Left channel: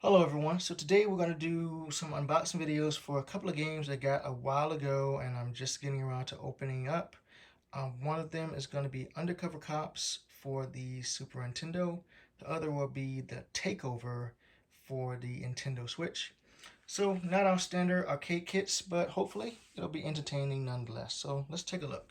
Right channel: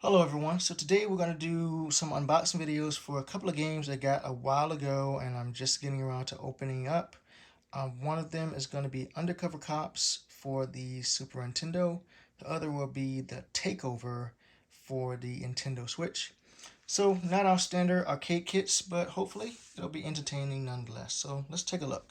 Hello everyone, so today we're going to do some unboxing videos for a couple of games I got a while ago and I'm just getting around to opening up. One of them is going to be Undercover Cops for the Super Nintendo. The other will be the Takeover for the Nintendo Switch. So not our standard arcade kits, but hopefully it'll be entertaining nonetheless. So let's take a look.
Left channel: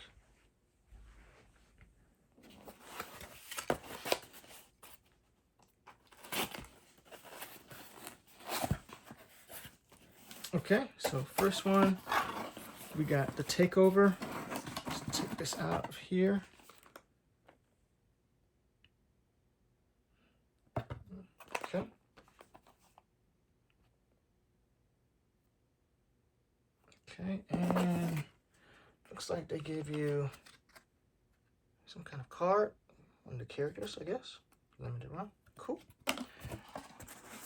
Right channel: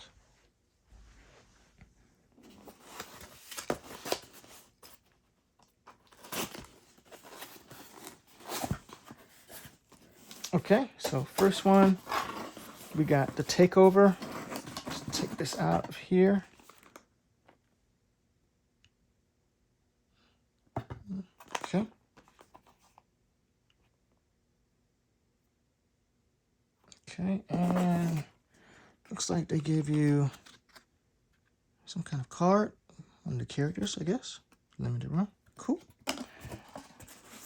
Okay, so first one, we got the Takeover. Let's take this out of here. Okay. Okay, and looks like they gave you some kind of card on the characters, I guess. Limited run. Cool.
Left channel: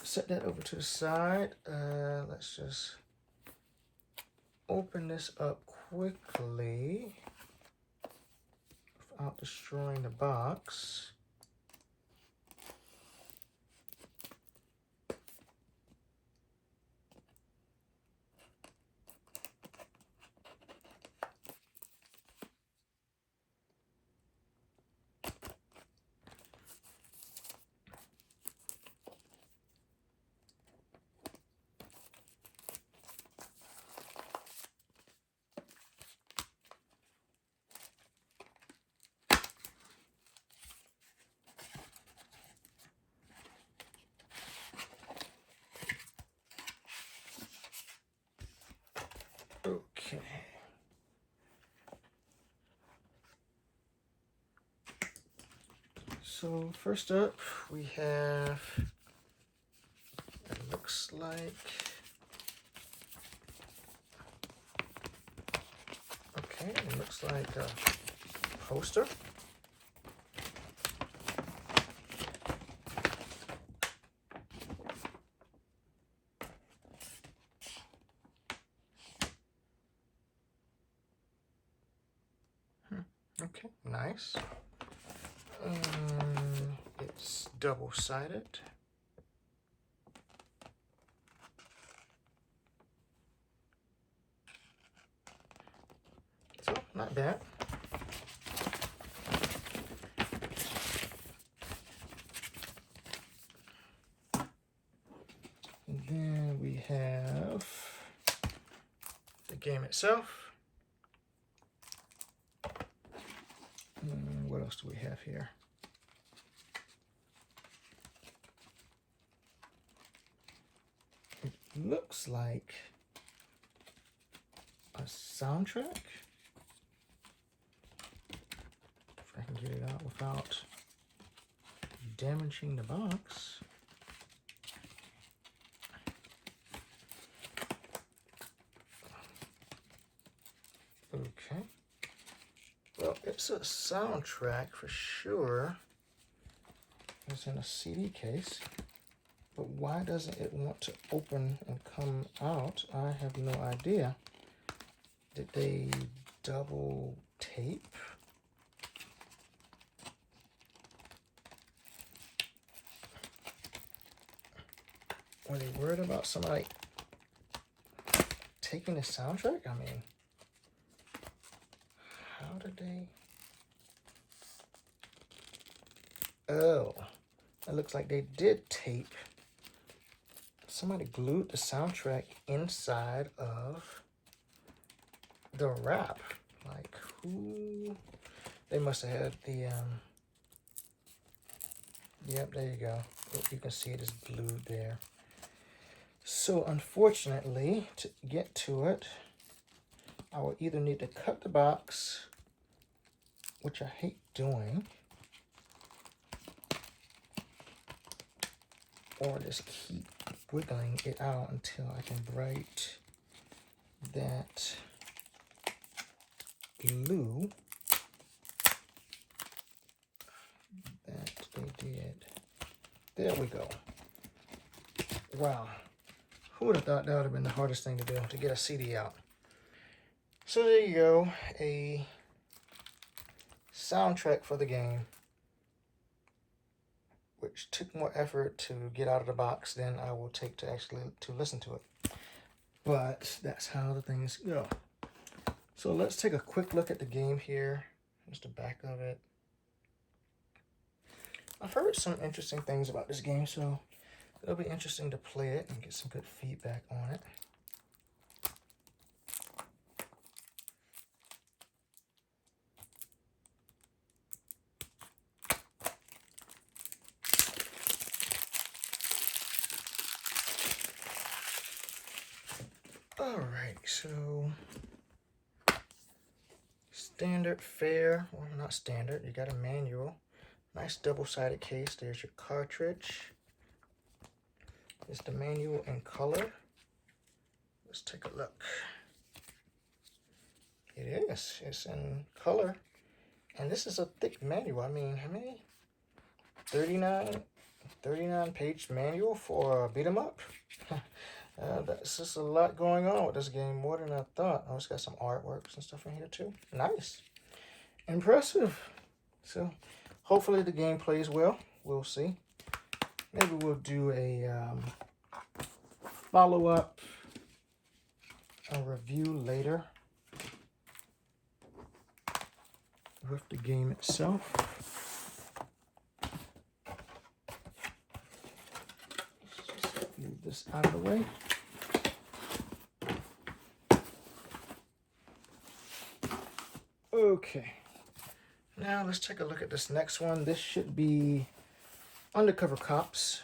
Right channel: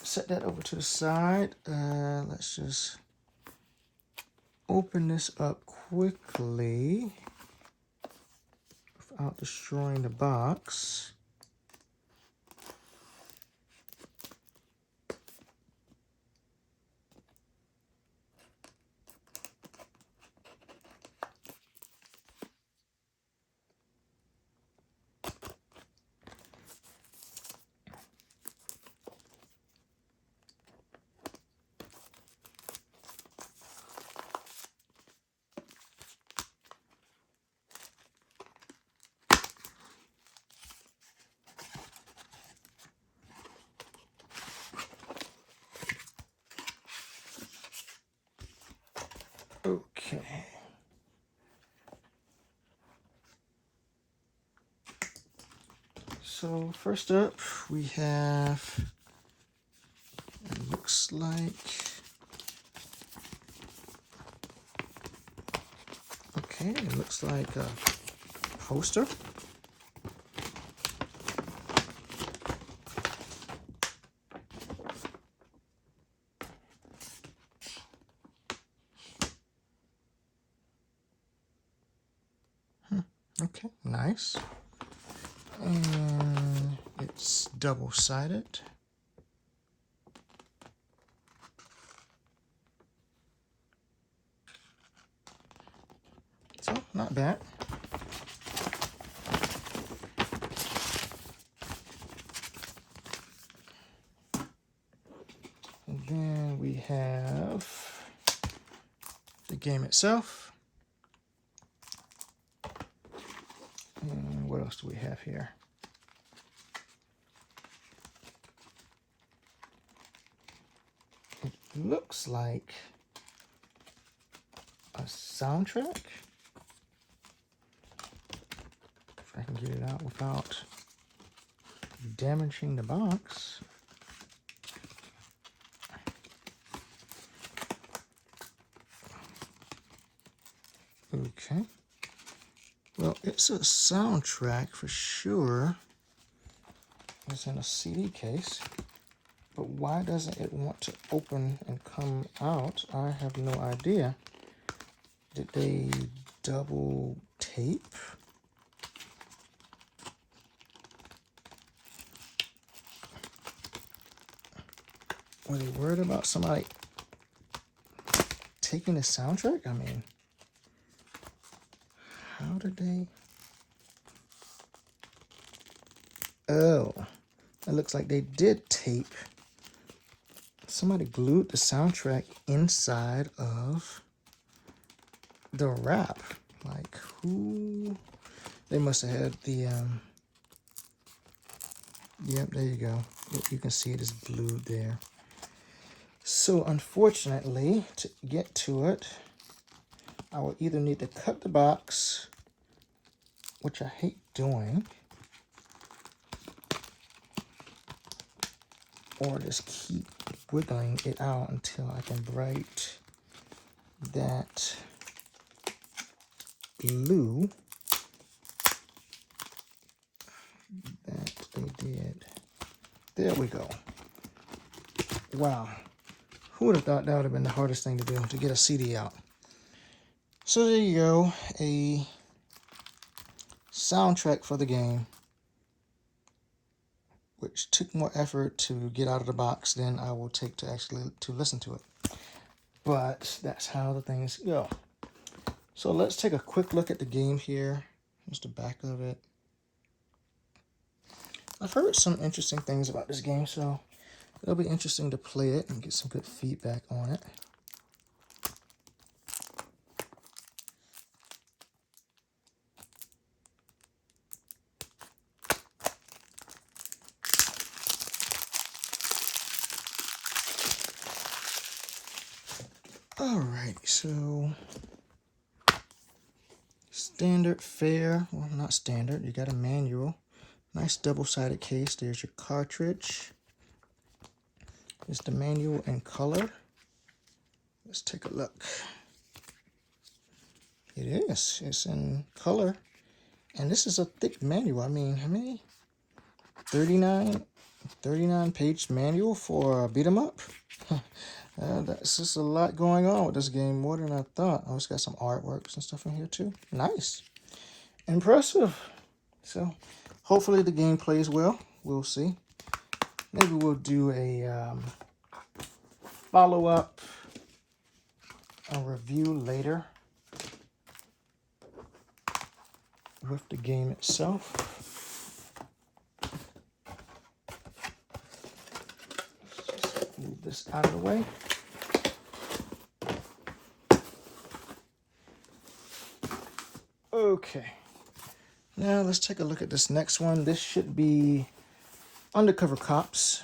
Set that over to the side. Let's just open this up quickly without destroying the box. Okay. So first up, we have, looks like, okay, it looks like a poster. Okay, nice. And it's double-sided. So, not bad. And then we have the game itself. What else do we have here? It looks like a soundtrack. If I can get it out without damaging the box. Okay. Well, it's a soundtrack for sure. It's in a CD case. But why doesn't it want to open and come out? I have no idea. Did they double tape? Were they worried about somebody taking the soundtrack? I mean, how did they? Oh, it looks like they did tape. Somebody glued the soundtrack inside of the wrap. Like, who? They must have had the, yep, there you go. You can see it is glued there. So, unfortunately, to get to it, I will either need to cut the box, which I hate doing, or just keep wiggling it out until I can break that glue that they did. There we go. Wow. Who would have thought that would have been the hardest thing to do, to get a CD out? So there you go, a soundtrack for the game, which which took more effort to get out of the box than I will take to actually to listen to it. But that's how the things go. So let's take a quick look at the game here. Here's the back of it. I've heard some interesting things about this game, so it'll be interesting to play it and get some good feedback on it. Alright, so standard fare, well not standard, you got a manual. Nice double-sided case. There's your cartridge. It's the manual in color. Let's take a look. It is. It's in color. And this is a thick manual. I mean, how many? 39 page manual for a beat 'em up. That's just a lot going on with this game, more than I thought. Oh, it's got some artworks and stuff in here too. Nice. Impressive. So hopefully the game plays well. We'll see. Maybe we'll do a follow-up review later with the game itself. Just move this out of the way. Okay. Now let's take a look at this next one. This should be Undercover Cops.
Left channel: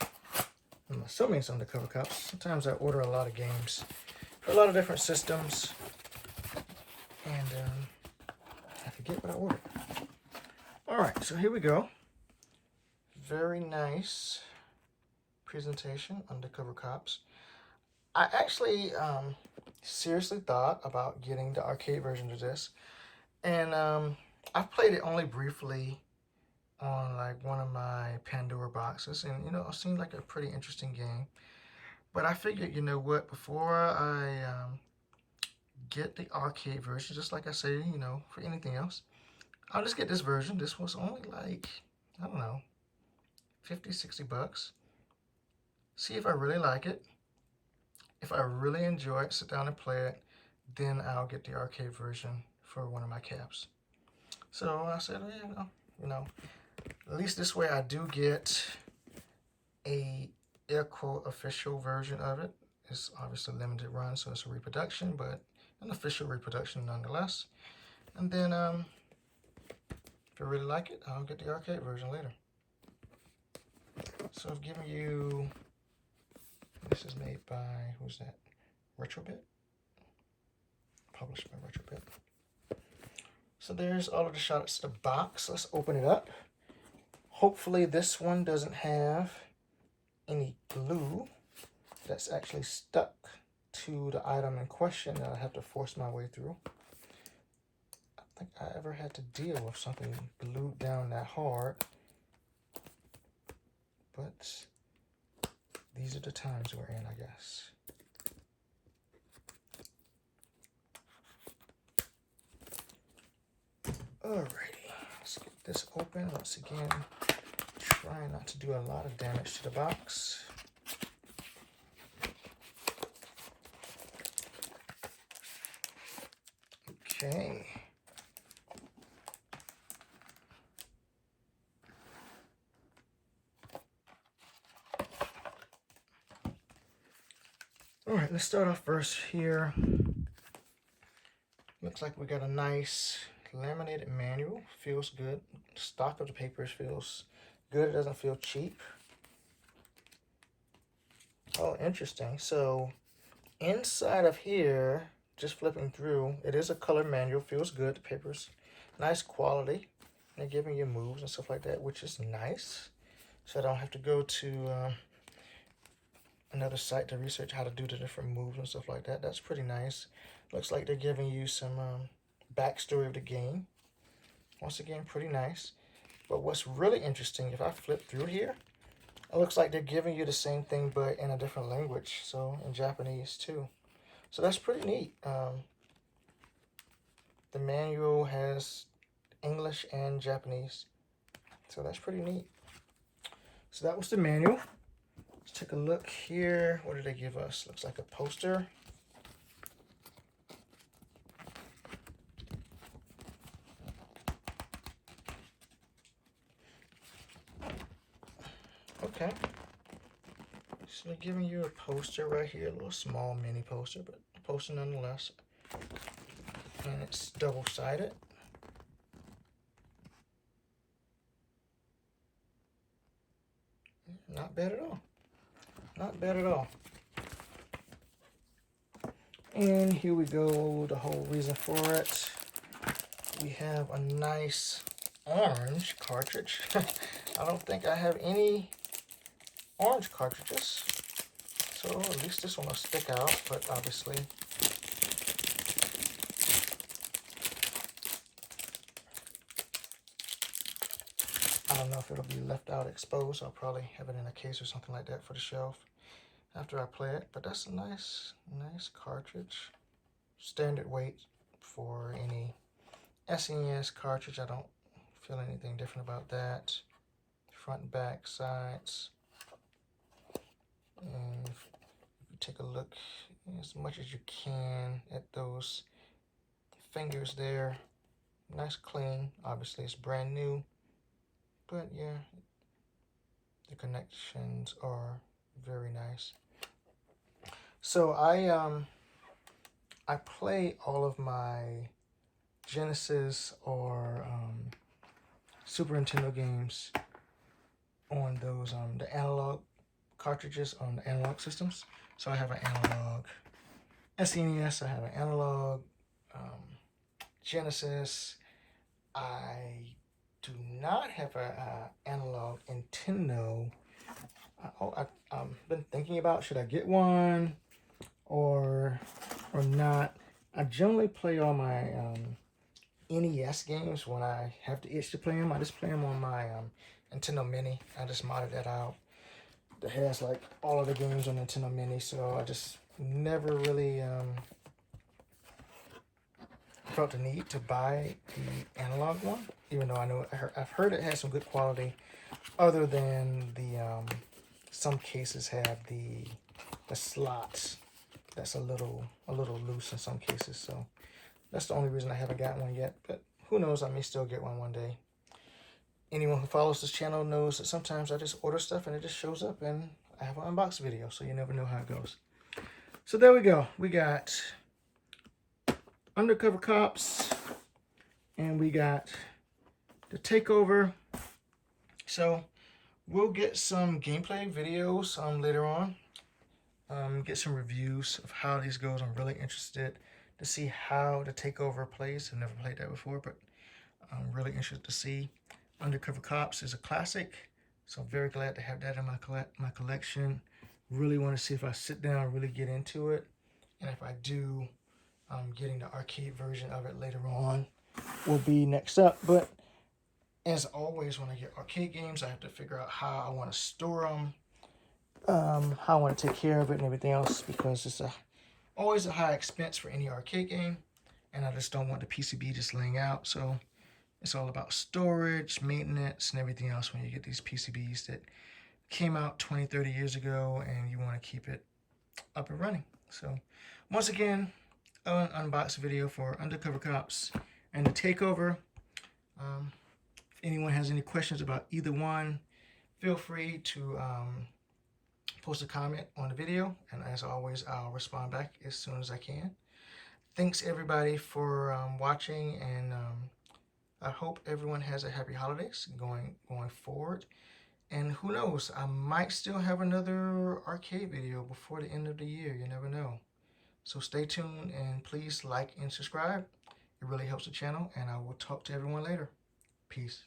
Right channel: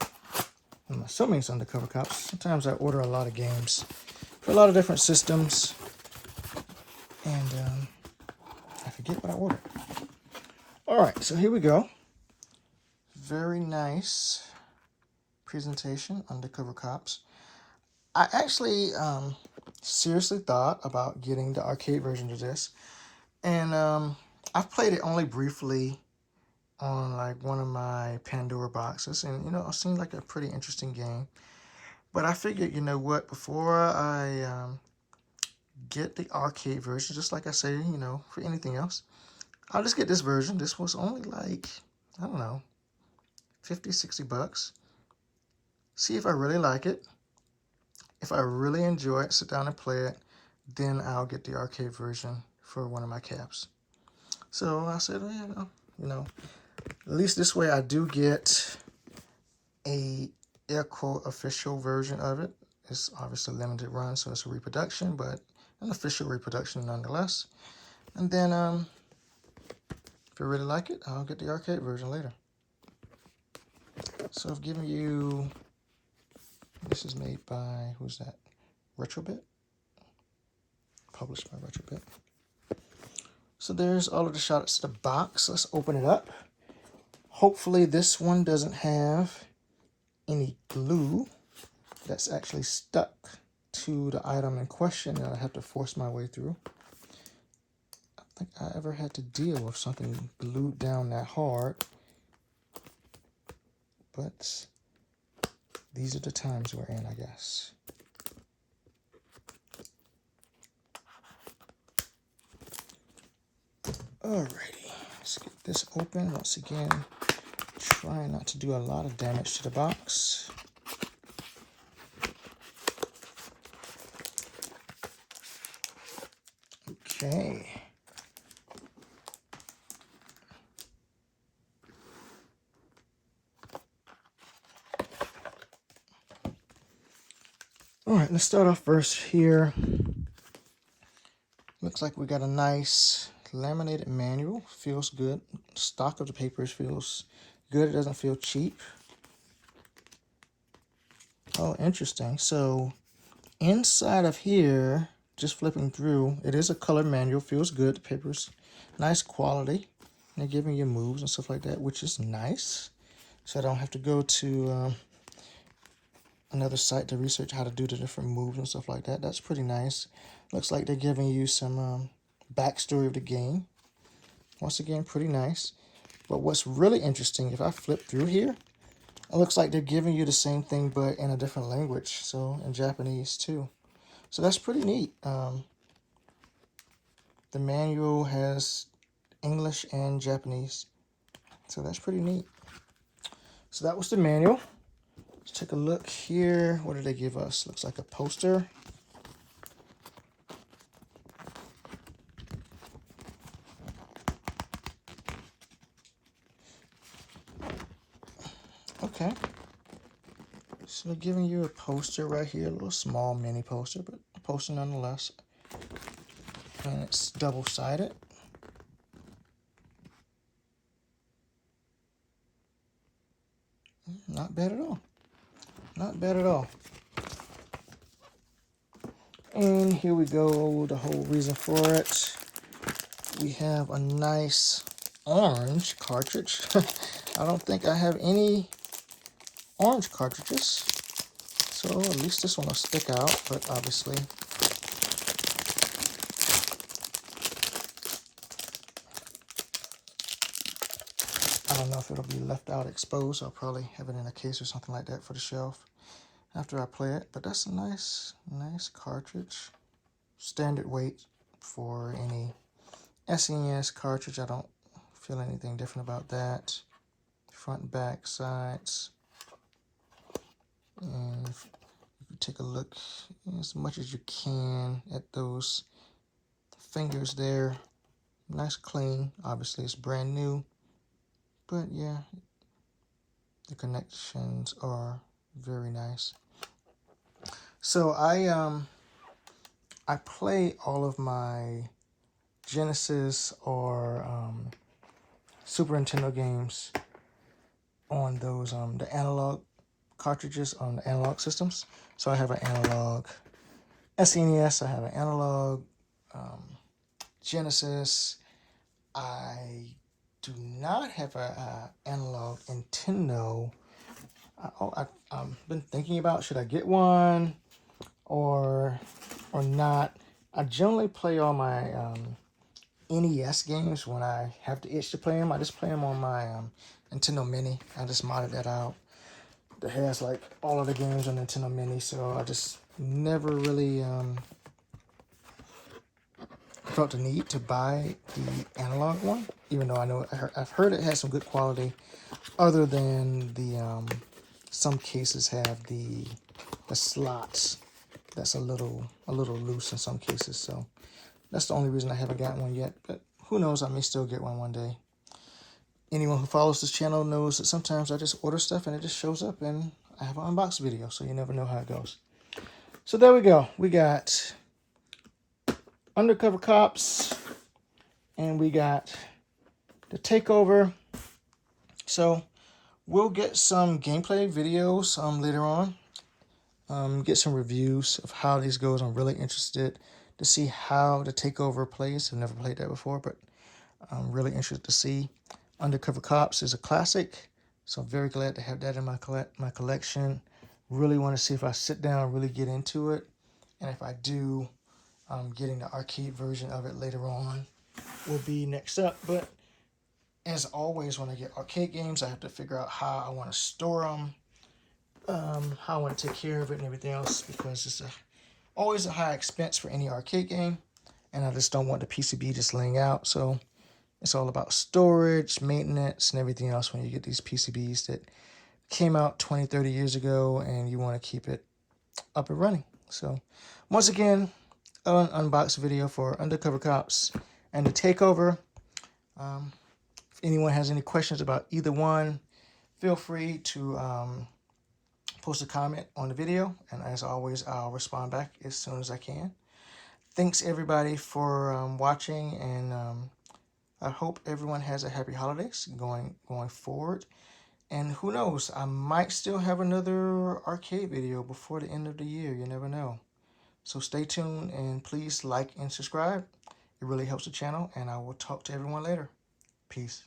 I'm assuming it's Undercover Cops. Sometimes I order a lot of games for a lot of different systems, and I forget what I ordered. All right, so here we go. Very nice presentation, Undercover Cops. I actually seriously thought about getting the arcade version of this, and I've played it only briefly on like one of my Pandora boxes, and you know, it seemed like a pretty interesting game. But I figured, you know what, before I get the arcade version, just like I say, you know, for anything else, I'll just get this version. This was only like, I don't know, 50, 60 bucks. See if I really like it. If I really enjoy it, sit down and play it, then I'll get the arcade version for one of my cabs. So I said, you know, at least this way I do get a air quote official version of it. It's obviously a limited run, so it's a reproduction, but an official reproduction nonetheless. And then if I really like it, I'll get the arcade version later. So I've given you, this is made by, who's that? Retrobit? Published by Retrobit. So there's all of the shots to the box. Let's open it up. Hopefully this one doesn't have any glue that's actually stuck to the item in question that I have to force my way through. I don't think I ever had to deal with something glued down that hard. But these are the times we're in, I guess. Alrighty, let's get this open. Once again, try not to do a lot of damage to the box. Okay. Alright, let's start off first here. Looks like we got a nice laminated manual. Feels good. Stock of the papers feels good. It doesn't feel cheap. Oh, interesting. So inside of here, just flipping through, it is a color manual. Feels good. The paper's nice quality. They're giving you moves and stuff like that, which is nice. So I don't have to go to another site to research how to do the different moves and stuff like that. That's pretty nice. Looks like they're giving you some backstory of the game. Once again, pretty nice. But what's really interesting, if I flip through here, it looks like they're giving you the same thing but in a different language, so in Japanese too. So that's pretty neat. The manual has English and Japanese, so that's pretty neat. So that was the manual. Let's take a look here. What did they give us? Looks like a poster. Okay. So they're giving you a poster right here, a little small mini poster, but a poster nonetheless. And it's double-sided. Not bad at all. Not bad at all. And here we go, the whole reason for it. We have a nice orange cartridge. I don't think I have any orange cartridges. So at least this one will stick out, but obviously I don't know if it'll be left out exposed. I'll probably have it in a case or something like that for the shelf after I play it. But that's a nice cartridge. Standard weight for any SNES cartridge. I don't feel anything different about that. Front and back sides. And if you take a look as much as you can at those fingers there. Nice clean. Obviously it's brand new. But yeah, the connections are very nice. So I play all of my Genesis or Super Nintendo games on those the analog cartridges on the analog systems. So I have an analog SNES, I have an analog Genesis. I do not have an analog Nintendo. I've been thinking about should I get one or not. I generally play all my NES games when I have the itch to play them. I just play them on my Nintendo Mini. I just modded that out. That has like all of the games on Nintendo Mini, so I just never really felt the need to buy the analog one, even though I've heard it has some good quality, other than the some cases have the slots that's a little loose in some cases. So that's the only reason I haven't gotten one yet, but who knows, I may still get one day. Anyone who follows this channel knows that sometimes I just order stuff and it just shows up and I have an unbox video, so you never know how it goes. So there we go. We got Undercover Cops and we got the Takeover. So we'll get some gameplay videos later on. Get some reviews of how these goes. I'm really interested to see how the Takeover plays. I've never played that before, but I'm really interested to see. Undercover Cops is a classic, so I'm very glad to have that in my collection. Really want to see if I sit down and really get into it, and if I do, getting the arcade version of it later on will be next up. But as always, when I get arcade games, I have to figure out how I want to store them, how I want to take care of it and everything else, because it's always a high expense for any arcade game, and I just don't want the PCB just laying out. So it's all about storage, maintenance, and everything else when you get these PCBs that came out 20, 30 years ago and you want to keep it up and running. So once again, an unbox video for Undercover Cops and the Takeover. If anyone has any questions about either one, feel free to post a comment on the video, and as always, I'll respond back as soon as I can. Thanks everybody for watching, and I hope everyone has a happy holidays going forward. And who knows, I might still have another arcade video before the end of the year. You never know. So stay tuned and please like and subscribe. It really helps the channel, and I will talk to everyone later. Peace.